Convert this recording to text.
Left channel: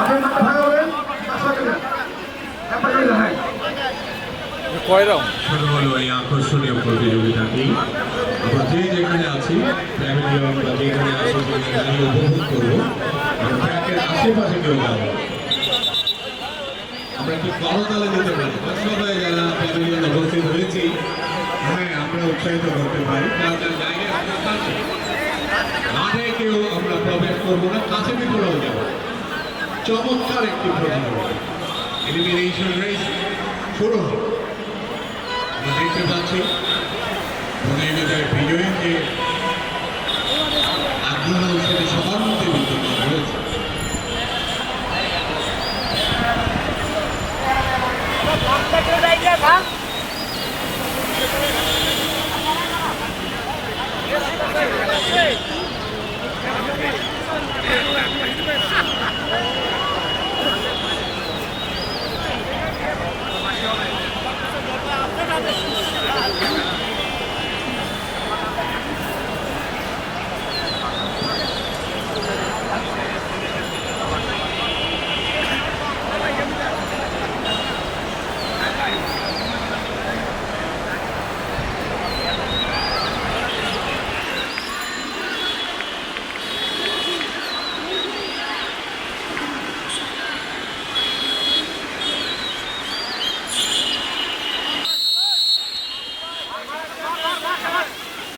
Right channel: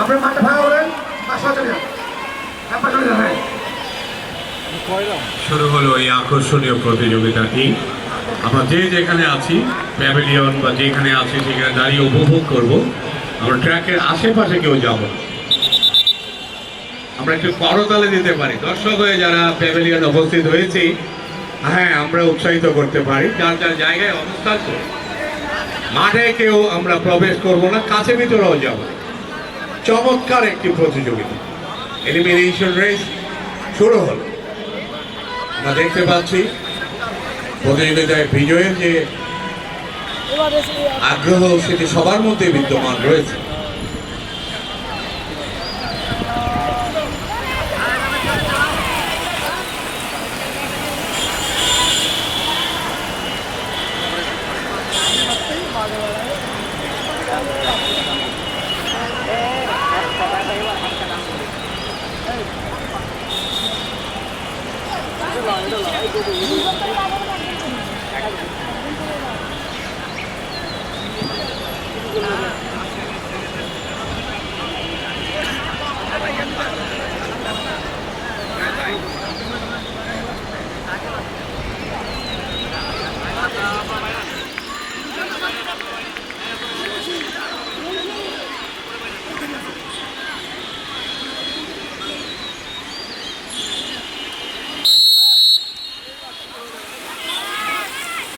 আপনার মাঠে ভাঙা বলেন পাশে চলে যান, চলে যান। হ্যাঁ, শুরু হলো এই আকর্ষণীয় প্রতিযোগিতাটি। আমরা যে যেখানে আছি, প্যাভিলিয়ন বা যেখানে আছি সেখানে দাঁড়িয়ে উপভোগ করব। আমরা ট্র্যাকের আশেপাশে কেউ যাব, আমরা একটু করতালে দিতে পারি। দর্শক হয়ে যারা প্যাভিলিয়ন উপস্থিত হয়েছি, হ্যাঁ আমরা উৎসাহিত করতে পারি। যার যার জায়গায় অবস্থান করে মাঠে কেউ আমরা প্রবেশ করবো না, কাছে ভিতরেও যাব। চমৎকার একটি প্রতিযোগিতা, এলিমিনেশন রেস শুরু হল। আমরা দেখতে পাচ্ছি প্রতিযোগিতায় বিজয়ের যে আগ্রহ সেটি সবার মধ্যে বিদ্যমান রয়েছে।